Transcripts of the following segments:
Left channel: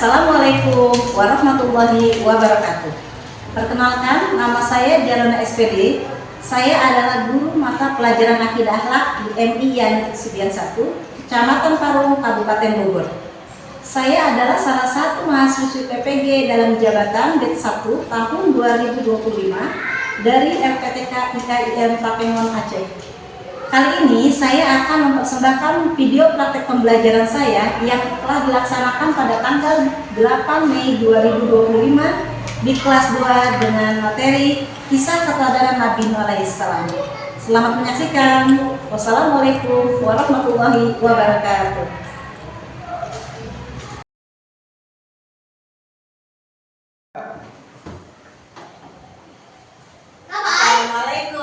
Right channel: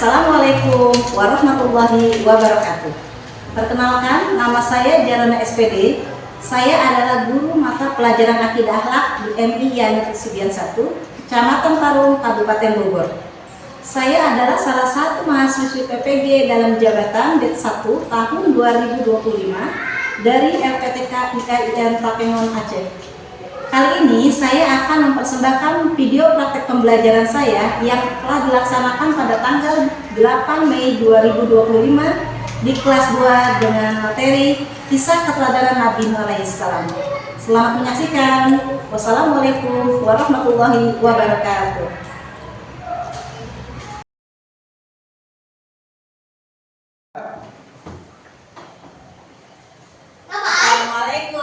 Assalamualaikum warahmatullahi wabarakatuh. Perkenalkan, nama saya Jarona SPD. Saya adalah guru mata pelajaran akidah akhlak di MI Yani Sudian 1, Kecamatan Parung, Kabupaten Bogor. Saya adalah salah satu mahasiswi PPG dalam jabatan BED 1 tahun 2025 dari LPTK IKIN Tapengon Aceh. Kali ini saya akan mempersembahkan video praktek pembelajaran saya yang telah dilaksanakan pada tanggal 8 Mei 2025 di kelas 2 dengan materi Kisah Keteladanan Nabi Nuh alaihissalam. Selamat menyaksikan. Wassalamualaikum warahmatullahi wabarakatuh. Assalamualaikum.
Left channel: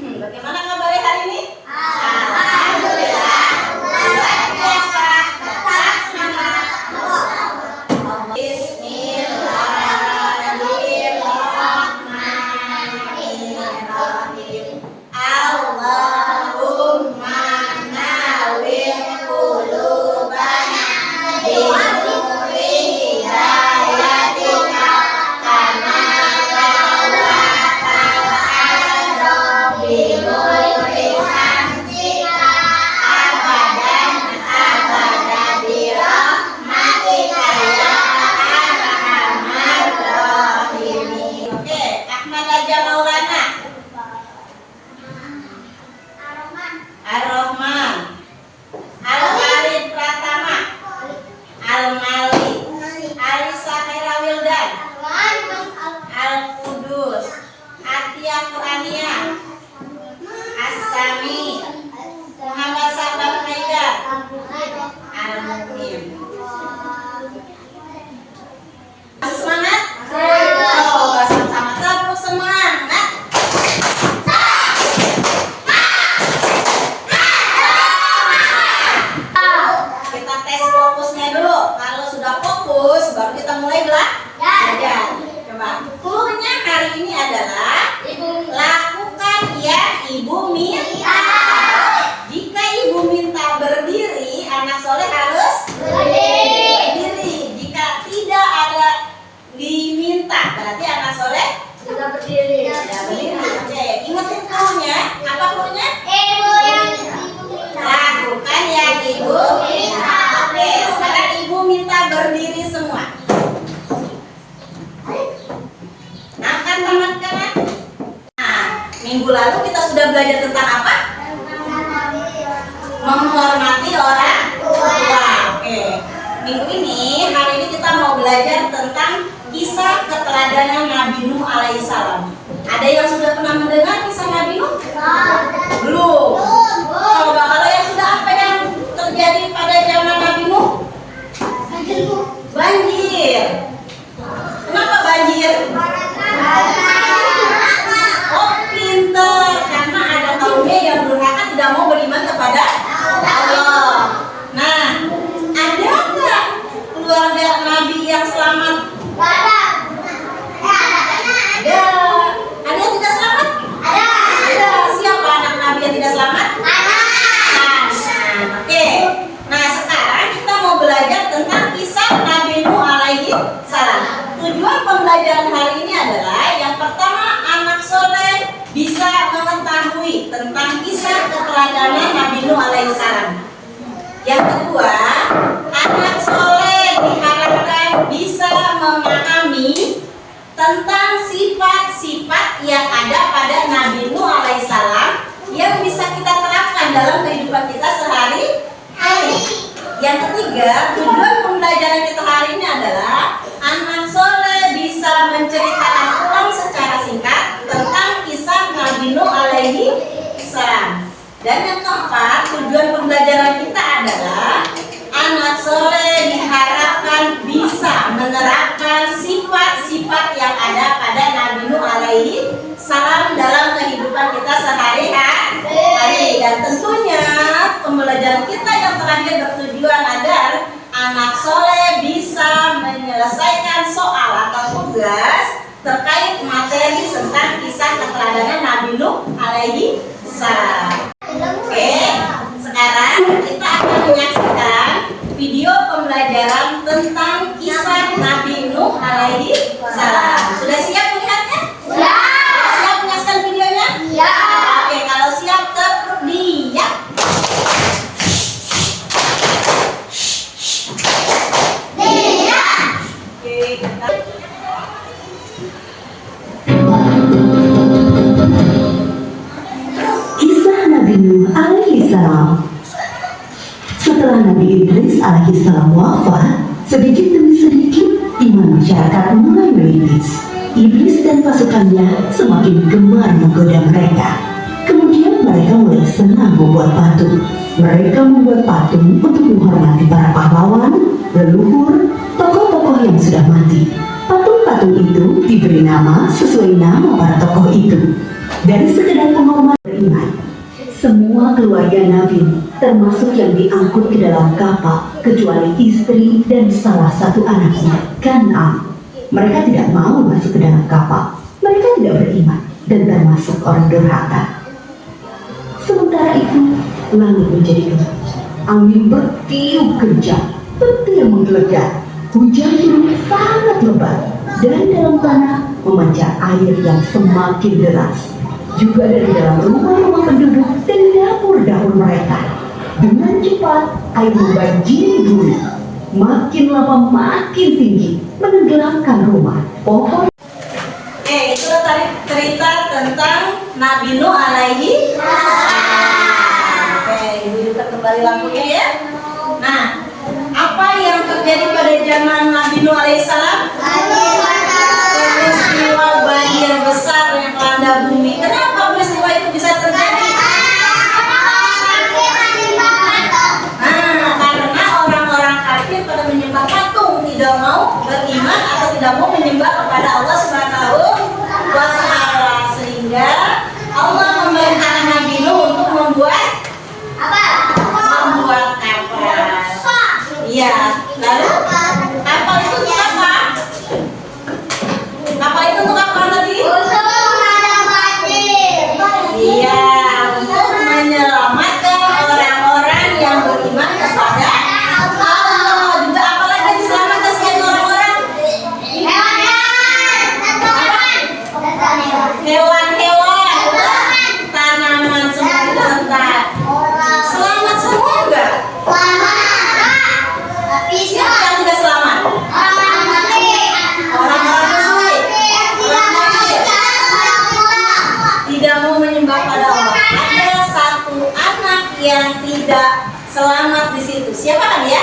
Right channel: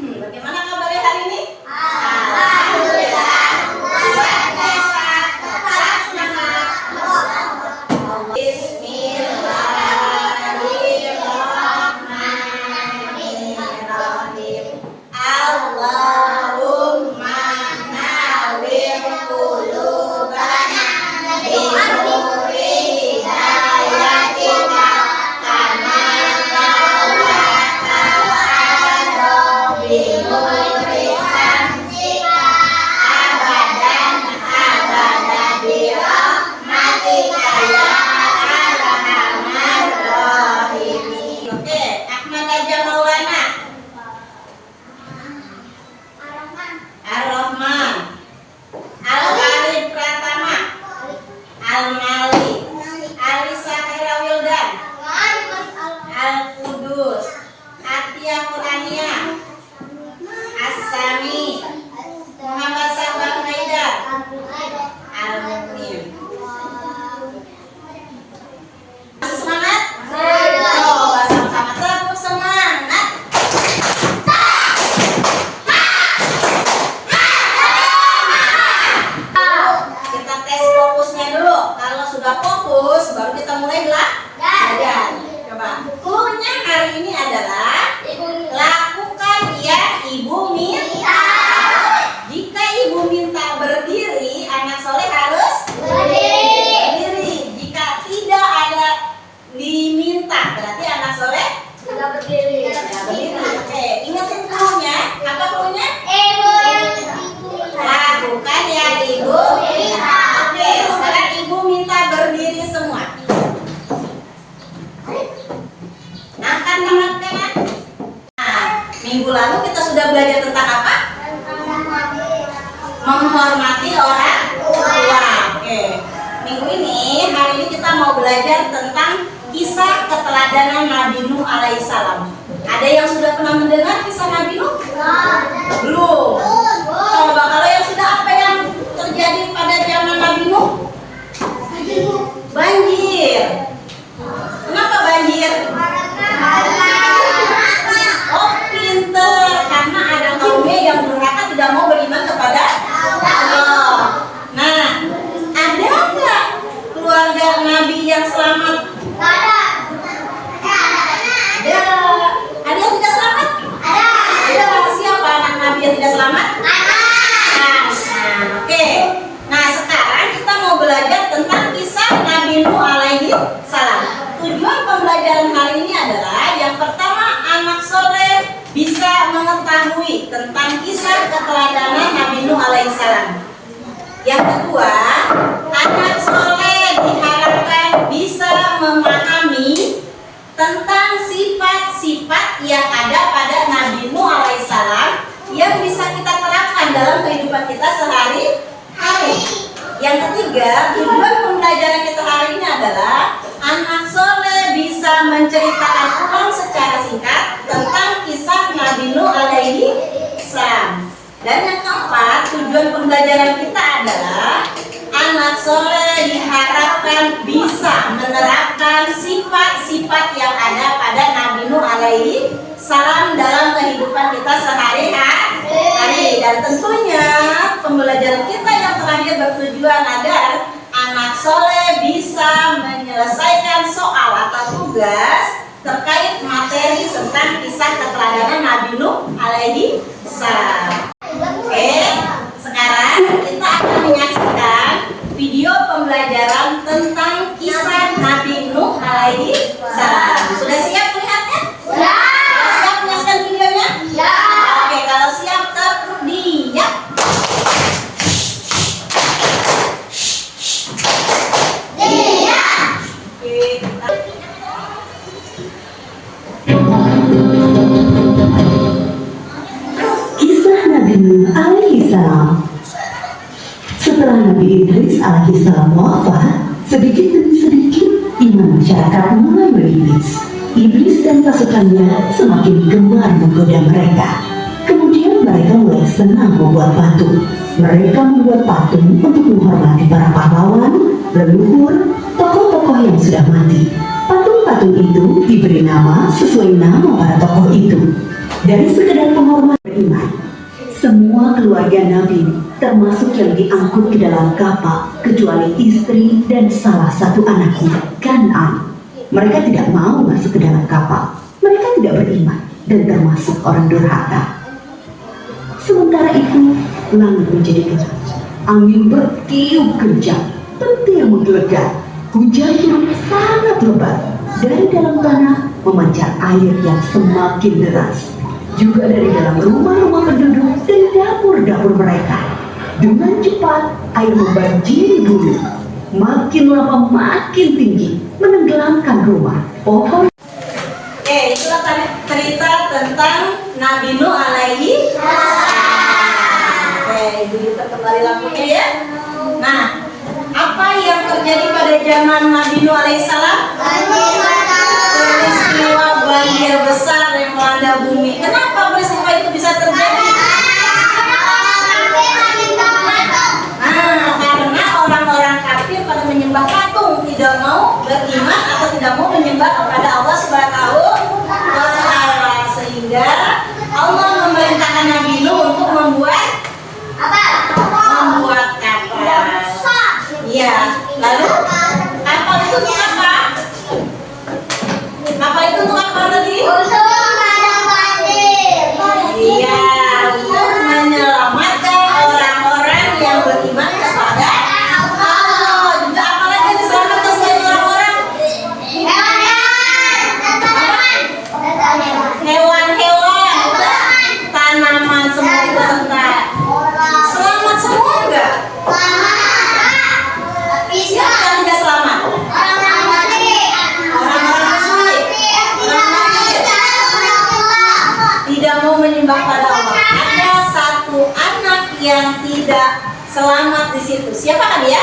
Bagaimana kabarnya hari ini? Alhamdulillah. Luar biasa. Tetap semangat. Bismillahirrahmanirrahim. Allahumma nawwir qulubana binuri hidayatika kama nawwarta binuri samsika abadan abada birahmatika ya arhamar rahimin. Oke, Ahmad Raja Maulana. Ar-Rahman. Al-Khalid Pratama. Al-Malik. Alisa Khaira Wildan. Al-Qudus. Atia Qur'aniyah. As-Sami. Muhammad Sabar Haidar. Al-Muqim. Semangat? Oh, sama-sama tepuk semangat. Kita tes fokusnya dulu. Kalau sudah fokus, baru kita mulai belajar. Coba. Cluenya hari ini adalah lakukan ya ibu minta. Jika ibu minta berdiri, anak soleh harus berdiri. Jika tidak ada diminta, berarti anak soleh tidak berdiri. Oke, ingetin cluenya. Apa cluenya? Lakukan yang ibu minta. Oke, sekarang ibu minta berdiri semua. Angkat tangan kanan. Nah, minggu lalu kita sudah belajar tentang apa? Menghormati orang tua. Oke. Minggu ini, hari ini kita mau belajar tentang kisah keteladanan Nabi Nuh alaihissalam. Ada yang sudah pernah mendengar kisah Nabi Nuh? Belum. Coba kalau yang sudah, apa yang terjadi pada zaman Nabi Nuh? Banjir. Kenapa banjir? Oh, pinter. Karena ada kaumnya yang durhaka tidak mau beriman kepada Allah. Nah, ada nggak keluarga Nabi yang selamat? Ada. Ada yang tidak selamat? Ada. Siapa anak Nabi yang tidak selamat? Oke. Nah, sekarang kita mau belajar tentang kisah Nabi Nuh alaihi salam. Tujuan pembelajaran hari ini adalah yang pertama, anak soleh bisa mengetahui tentang kisah keteladanan Nabi Nuh alaihi salam. Yang kedua, anak soleh diharapkan bisa memahami tentang sifat-sifat yang ada pada Nabi Nuh alaihissalam yang bisa kita terapkan dalam kehidupan kita sehari-hari. Yang ketiga, tujuan pembelajaran kita hari ini adalah anak soleh bisa menceritakan ulang secara singkat tentang kisah Nabi Nuh alaihissalam. Dan yang keempat, tujuan pembelajaran kita adalah anak soleh diharapkan bisa menerapkan sifat-sifat yang ada pada Nabi Nuh alaihi salam dalam kehidupan kita sehari-hari. Dan tentunya pembelajaran kita yang terakhir bertujuan agar anak soleh bisa menyelesaikan soal atau tugas terkait materi tentang kisah keteladanan Nabi Nuh alaihi salam. Oke, sekarang kita akan pembelajaran tentang kisah Nabi Nuh alaihi salam. Sudah siap melihatnya? Ya. Siap menyaksikan videonya? Ya. Oke, kalau siap terdiam. Iya. Oke, kita Kisah Nabi Nuh alaihi salam. Setelah Nabi Idris alaihi salam wafat, sedikit demi sedikit iman masyarakat mulai menipis. Iblis dan pasukannya semakin gemar menggoda mereka. Kemudian mereka mulai senang membuat patung. Mereka membuat patung untuk menghormati para pahlawan, leluhur, tokoh-tokoh yang sudah mati. Patung-patung itu diberi nama sesuai nama para tokoh itu. Dari sekedar penghormatan beriman, semua keluarga Nabi, termasuk yang diangkut ke dalam kapal, kecuali istri dan salah satu anaknya, Kan'an. Mereka tidak mau masuk ke dalam kapal. Mereka tidak beriman dan termasuk orang durhaka. Sementara itu, langit menjadi gelap. Angin bertiup kencang, petir menggelegar. Hujan turun sangat lebat. Dari dalam tanah memancar air yang semakin deras. Juga dari dalam rumah-rumah penduduk dan dapur-dapur mereka. Dengan cepat, air membanjiri bumi. Makin lama makin tinggi, menenggelamkan rumah, pohon. Oke, itulah tadi cerita tentang Nabi Nuh alaihi salam. Oke, Ibu juga kembali lampunya ya. Nah, apa yang terjadi pada zaman Nabi Nuh alaihi salam? Peristiwa banjir besar yang melanda bumi. Kenapa peristiwa itu bisa terjadi? Karena orang-orang kafir pada menyembah patung, tidak mau beriman atau tidak mau menyembah kepada Allah Subhanahu wa Ta'ala, sehingga Allah memerintahkan Nabi Nuh untuk membuat kapal. Iya, lalu kapal itu untuk apa? Kapal itu untuk apa tadi? Iya, untuk menyelamatkan orang-orang yang beriman kepada Allah. Juga apalagi diselamatkan selain orang-orang? Hewan-hewan, tanaman, semua itu serta. Selamat semua enggak? Siapa yang tidak selamat? Orang-orang musyrik, orang kafir, tidak mau menyembah pada Allah. Ada satu anak yang tidak selamat di situ. Siapa kan ya?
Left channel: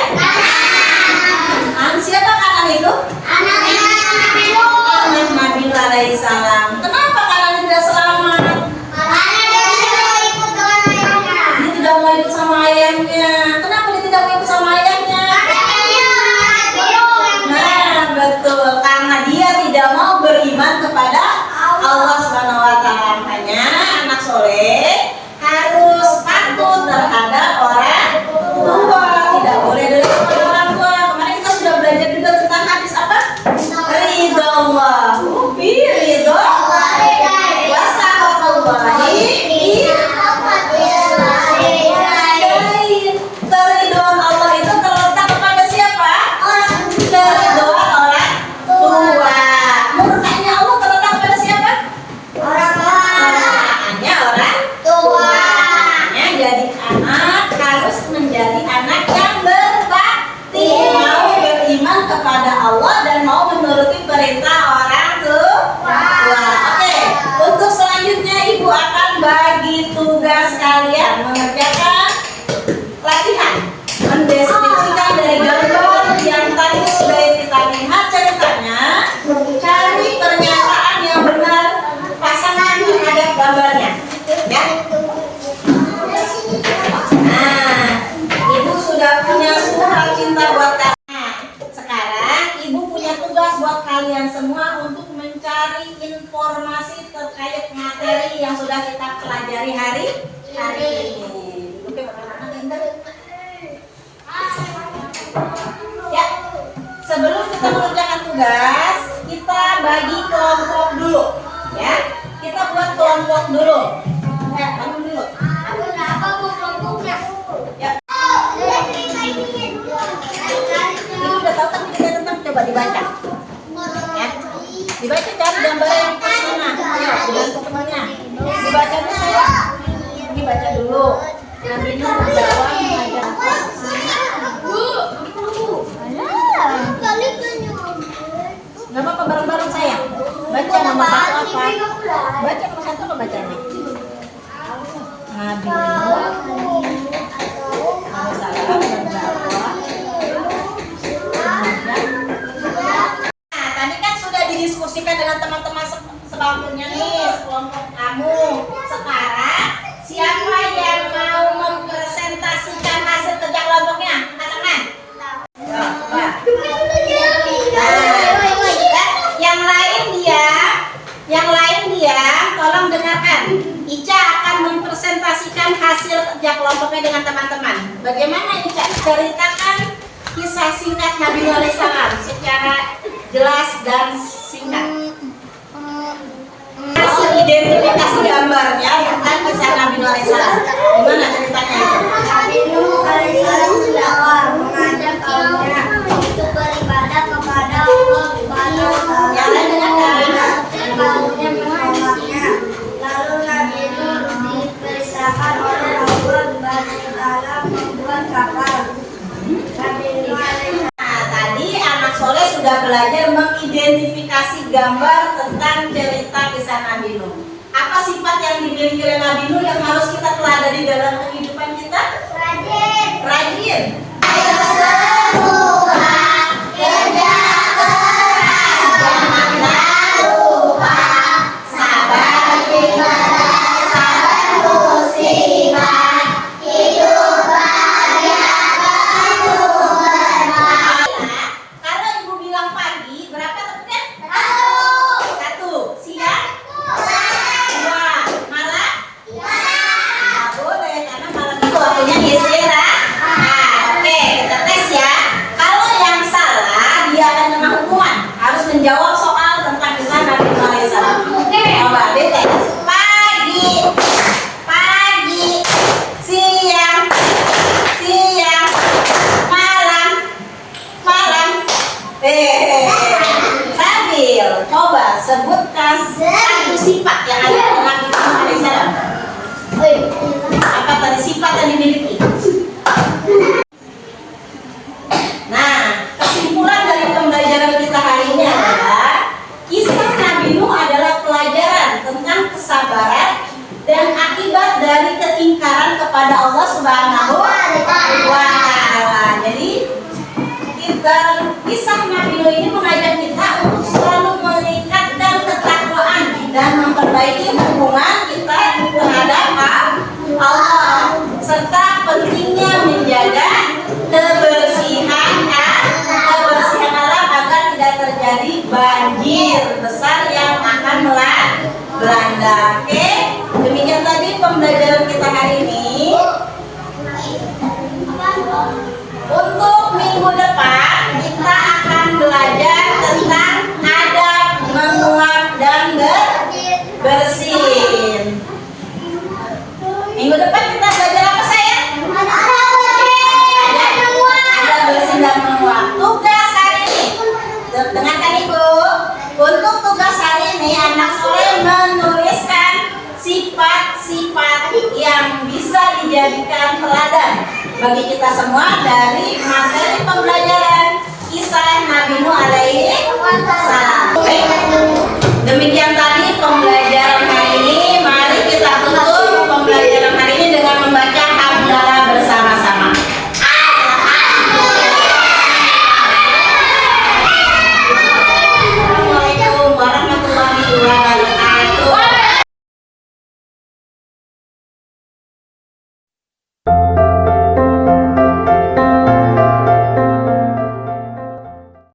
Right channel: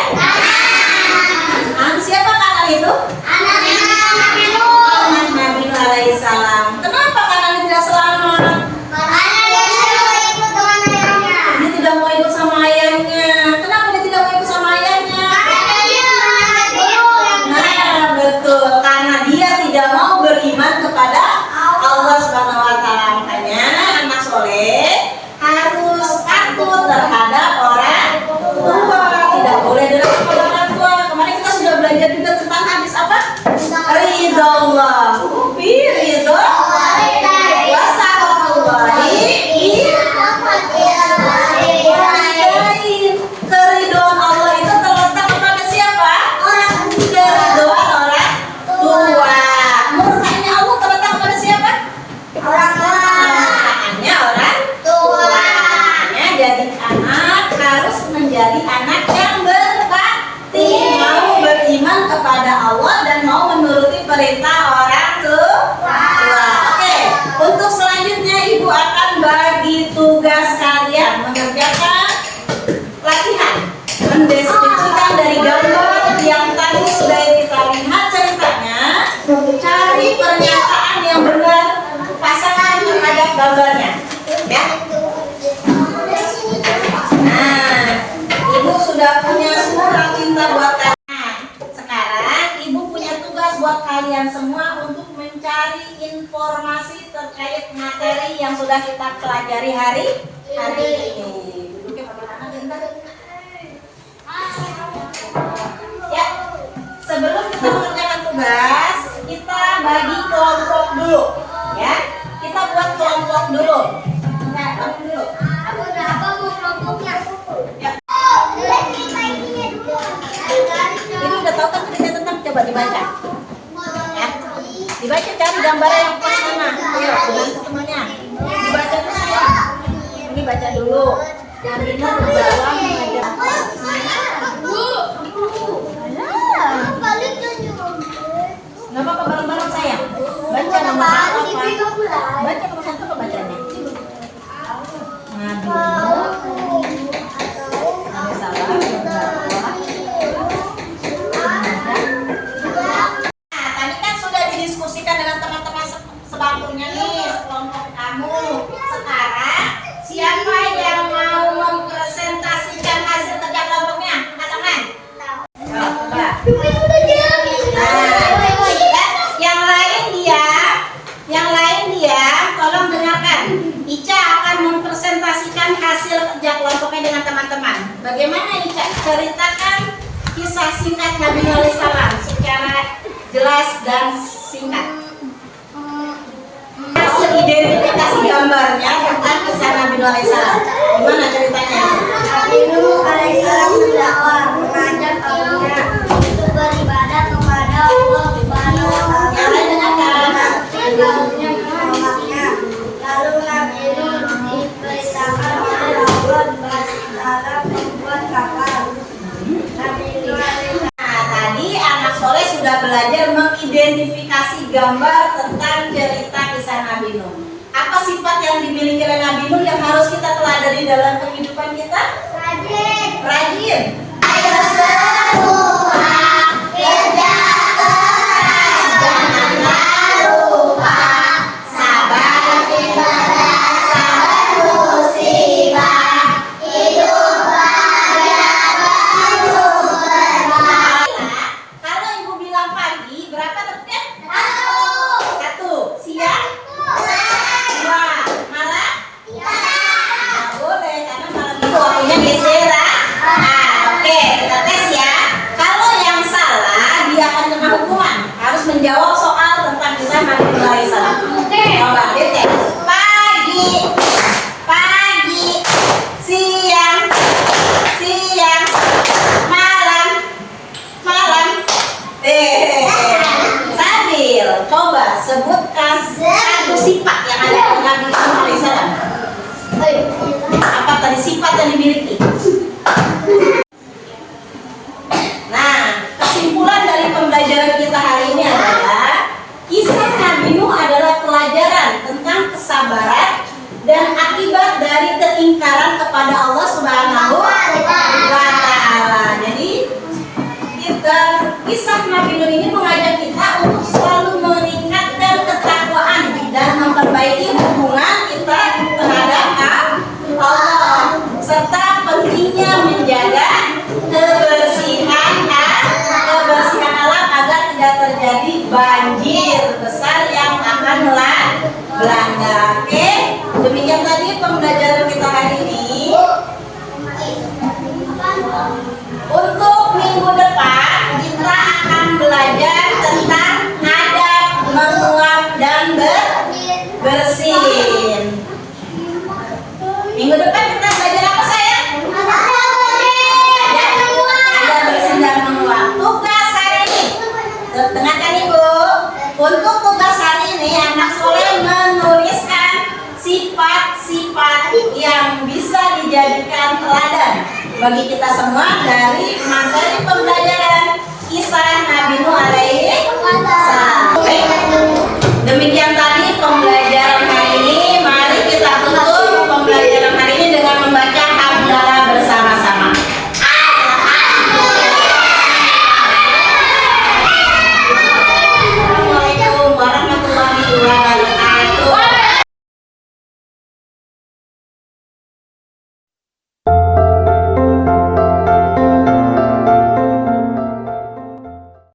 Siapa kanan itu? Anak Nabi Nuh alaihi salam. Kenapa kanan tidak selamat? Dia tidak mau ikut sama ayahnya. Kenapa dia tidak mau ikut sama ayahnya? Nah, betul. Karena dia tidak mau beriman kepada Allah Subhanahu wa Ta'ala. Makanya anak soleh harus patuh terhadap orang tua. Tidak boleh durhaka kepada orang tua. Kemarin kita sudah belajar juga tentang hadis apa? Ridho Allah. Ridho wasahatullahi. Keriduan Allah itu terletak kepada siapa? Keriduan orang tua. Murkanya Allah terletak pada siapa? Hanya orang tua. Hanya jadi anak harus menjadi anak yang berbakti, mau beriman kepada Allah dan mau menuruti perintah orang tua. Oke, untuk selanjutnya Ibu akan bagi tugas kalian mengerjakan latihan mendeskripsikan dari gambar yang tadi sudah kita lihat ceritanya. Cari pernyataan yang benar, pasangan terhadap gambarnya ya. Nah, Ibu sudah punya surat cinta buat kalian. Nah, sekarang Ibu punya tugas buat kalian semua untuk mencari informasi terkait materi yang sudah kita pelajari hari ini. Duduknya mana-mana nggak? Ya, sebelum kita mengerjakan tugas, kita bagi kelompok dulu, ya. Kita buat kelompok dulu. Ya, bangun dulu. Ya. Coba dibaca. Ya. Dibaca cari gambarnya yang pas mana. Ayo, dengan temannya. Dibaca dulu semua. Ini baca dulu. Nabi Nuh membawa mengajar. Gak apa-apa, bareng-bareng sayang. Baca nomor satu apa? Baca nomor satu apa bacanya? Nabi Nuh alaihissalam membawa tadi kan sudah didiskusikan dengan teman-teman sebangkunya nih, sekelompok kamu. Sekarang siapa yang mau mempresentasikan hasil kerja kelompoknya? Angkat tangan. Coba. Yang lain diam, tolong dengarkan. Ica akan mempresentasikan hasil kerja kelompoknya dengan teman-teman. Bagaimana Ica? Ceritakan kisah singkat Nabi Nuh alaihissalam secara jelas dan singkat. Hasil identifikasi gambarnya tentang kisah Nabi Nuh alaihissalam. Gimana ceritanya itu? Nabi Nuh alaihissalam berdakwah mengajak kaumnya untuk beribadah kepada Allah Subhanahu wa Ta'ala. Yang lain dengarkan. Kaumnya menolaknya. Lalu Nabi Nuh diperintahkan oleh Allah Subhanahu wa Ta'ala membuat kapal. Nabi Nuh alaihissalam. Nah, tadi anak soleh sudah belajar mengidentifikasi gambar tentang cerita kisah Nabi Nuh. Apa sifat yang dimiliki oleh Nabi Nuh yang harus kita teladani dalam kehidupan kita? Rajin. Ayo semua kerja keras, janganlah lupa sabar musibah, hidup bahagia penuh berkah. Kalau ibu bilang pagi, berapa tepatnya? Satu. Siang? Dua. Malam? Nggak boleh, karena malam itu waktunya geseran. Oke, kita tes ya. Kalau yang salah, dia akan kena hukuman. Harus menjawab soal tentang kisah Nabi Nuh alaihissalam. Coba dites. Pagi, siang, malam. Sabil. Coba sebutkan satu sifat yang ada pada Nabi Nuh alaihissalam. Apa tadi sifat yang dimiliki? Nah, kesimpulan dari pembelajaran kita hari ini adalah kisah Nabi Nuh adalah pelajaran tentang kesabaran dan akibat dari keingkaran kepada Allah Subhanahu wa Ta'ala. Jadi kisah Nabi Nuh ini mengajak kita untuk selalu meningkatkan ketakwaan dan memperbaiki hubungan kita terhadap Allah, serta pentingnya menjaga kebersihan alam agar tidak terjadi banjir besar yang akan melanda. Oke, demikian tadi pembelajaran kita hari ini. Untuk minggu depan kita akan belajar tentang adab menguap dan bersin. Minggu depan kita belajar apa sayang? Adab bersin dan menguap. Tugas hari ini, dengarkan ibu. Untuk tugas hari ini anak soleh menuliskan sifat-sifat yang bisa dijadikan teladan bagi kita semua dari materi